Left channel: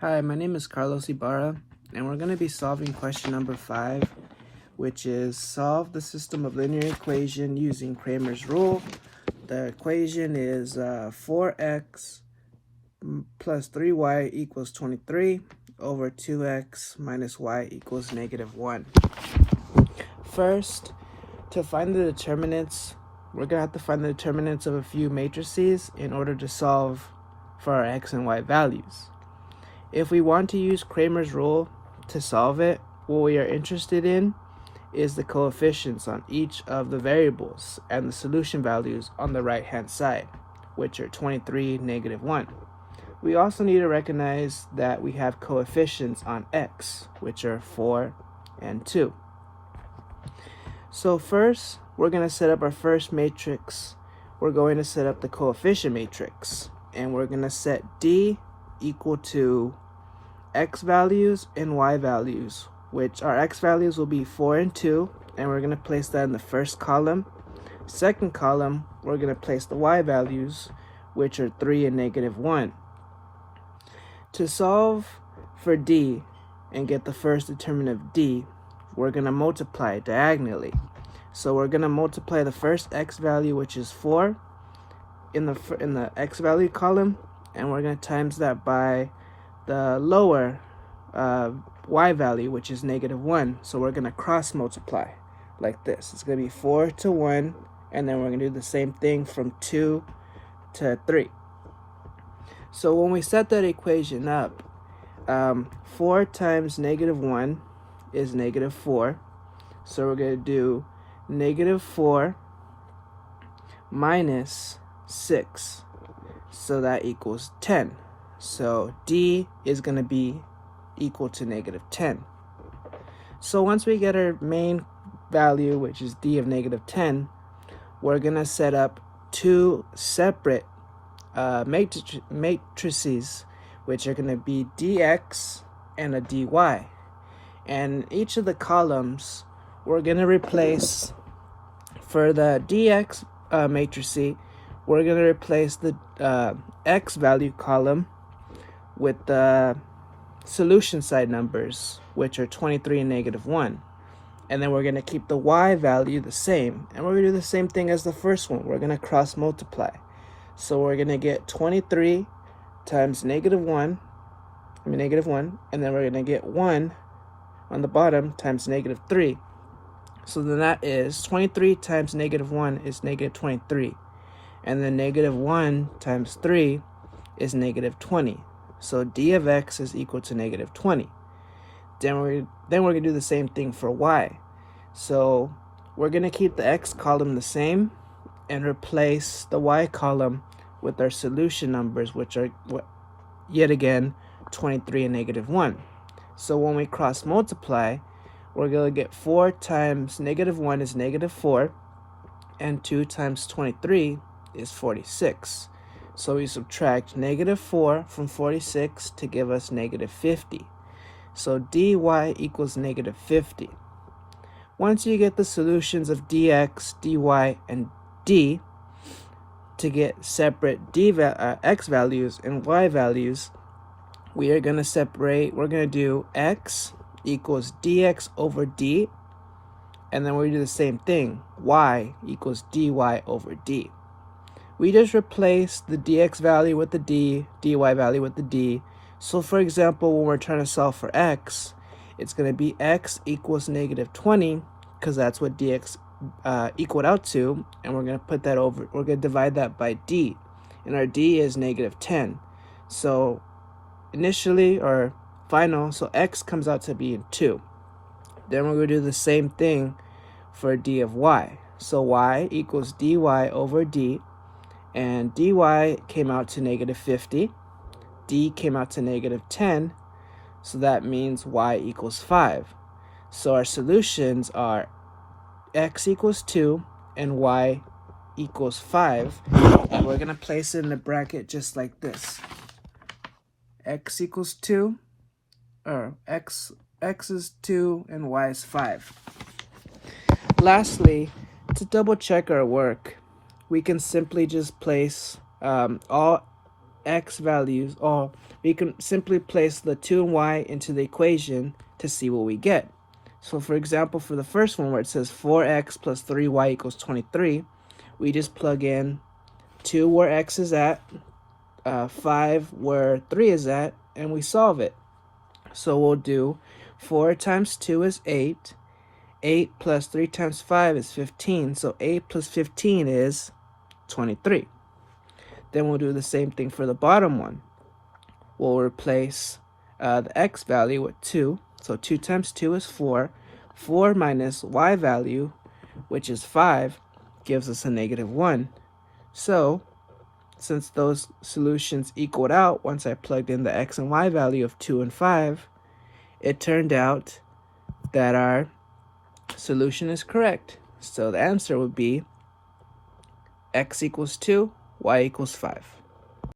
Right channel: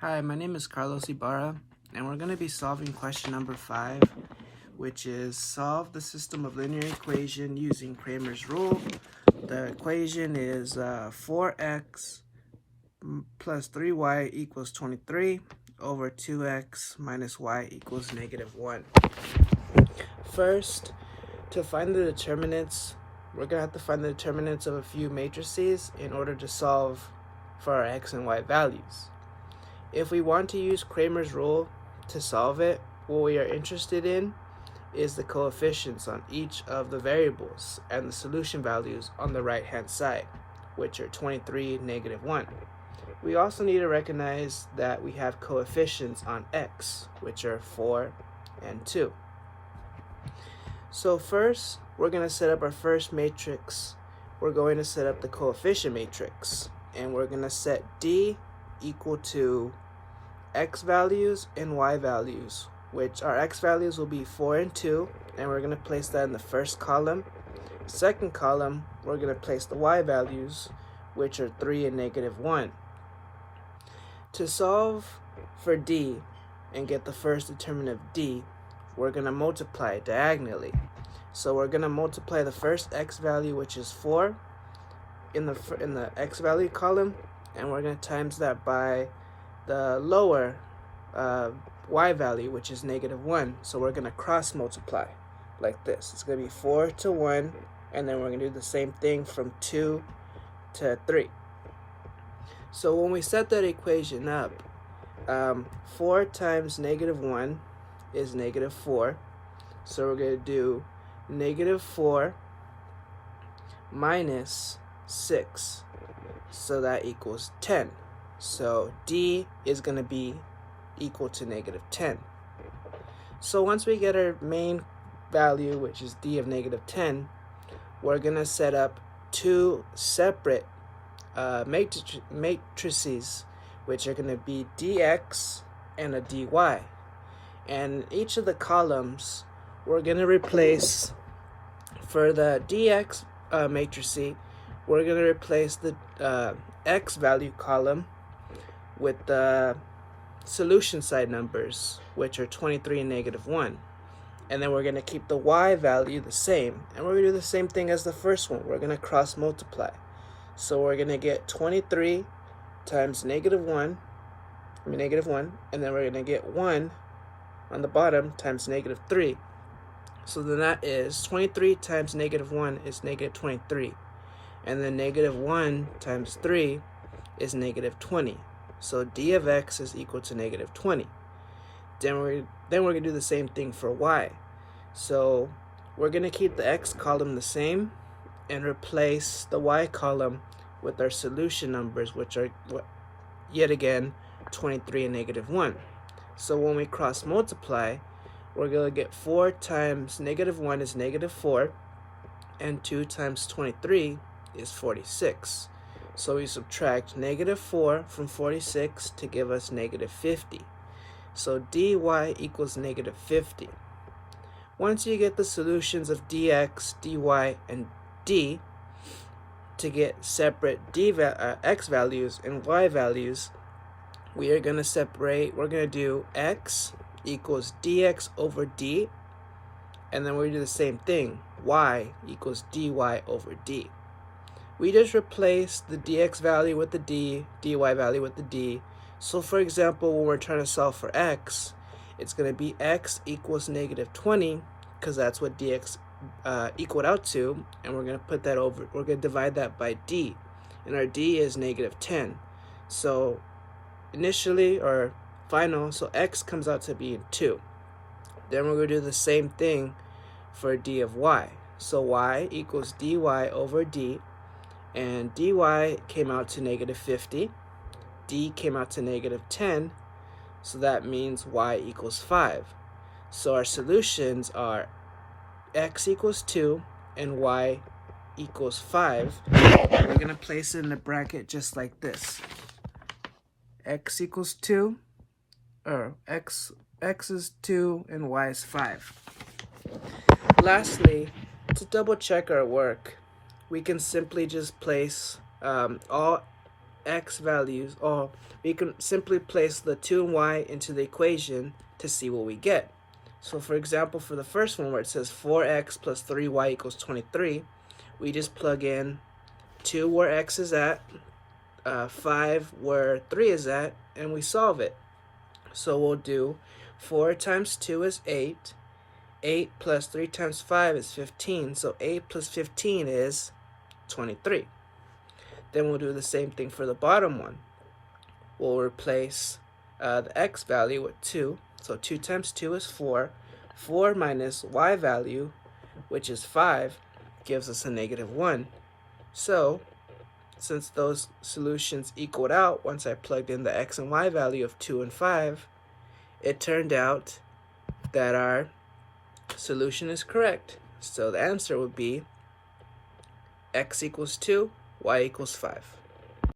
Hi, my name is Carlos Ibarra, and we're going to be solving question number 5, which is solve the system of linear equation using Cramer's rule. The equation is 4x plus 3y equals 23 over 2x minus y equals -1. First, to find the determinants, we're going to have to find the determinants of a few matrices in order to solve for our x and y values. If we want to use Cramer's rule to solve it, what we are interested in is the coefficients on each of the variables and the solution values on the right hand side, which are 23, -1. We also need to recognize that we have coefficients on x, which are 4 and 2. So first, we're going to set up our first matrix. We're going to set up the coefficient matrix, and we're going to set D equal to x values and y values, which our x values will be 4 and 2, and we're going to place that in the first column. Second column, we're going to place the y values, which are 3 and -1. To solve for D and get the first determinant of D, we're going to multiply diagonally. So we're going to multiply the first x value, which is 4, in the x value column, and we're going to times that by the lower y value, which is -1. So we're going to cross multiply like this. It's going to be 4 to 1, and then we're going to do the same thing from 2 to 3. So when we set that equation up, 4 times -1 is -4. So we're going to do -4 minus 6. So that equals 10. So D is going to be equal to -10. So once we get our main value, which is D of -10, we're going to set up two separate matrices, which are going to be dx and a dy. And each of the columns, we're going to replace, for the dx matrix, we're going to replace the x value column with the solution side numbers, which are 23 and -1. And then we're going to keep the y value the same. And we're going to do the same thing as the first one. We're going to cross multiply. So we're going to get 23 times -1, and then we're going to get 1 on the bottom times -3. So then that is 23 times -1 is -23. And then -1 times 3 is -20. So D of x is equal to -20. Then we're going to do the same thing for y. So we're going to keep the x column the same and replace the y column with our solution numbers, which are, yet again, 23 and -1. So when we cross multiply, we're going to get 4 times -1 is -4, and 2 times 23 is 46. So we subtract -4 from 46 to give us -50. So dy equals -50. Once you get the solutions of dx, dy, and d, to get separate x values and y values, we are going to separate. We're going to do x equals dx over d, and then we do the same thing. Y equals dy over d. We just replace the dx value with the d, dy value with the d. So for example, when we're trying to solve for x, it's going to be x equals -20, because that's what dx equaled out to, and we're going to put that over. We're going to divide that by d, and our d is -10. So initially, or final, so x comes out to be 2. Then we're going to do the same thing for d of y. So y equals dy over d, and dy came out to -50. D came out to -10, so that means y equals 5. So our solutions are x equals 2 and y equals 5. And we're going to place it in the bracket just like this. X equals 2, or x is 2 and y is 5. Lastly, to double check our work, we can simply just place all x values, or we can simply place the 2 and y into the equation to see what we get. So for example, for the first one where it says 4x plus 3y equals 23, we just plug in 2 where x is at, 5 where 3 is at, and we solve it. So we'll do 4 times 2 is 8. 8 plus 3 times 5 is 15. So 8 plus 15 is 23. Then we'll do the same thing for the bottom one. We'll replace the x value with 2. So 2 times 2 is 4. 4 minus y value, which is 5, gives us a negative 1. So since those solutions equaled out once I plugged in the x and y value of 2 and 5, it turned out that our solution is correct. So the answer would be x equals 2, y equals 5.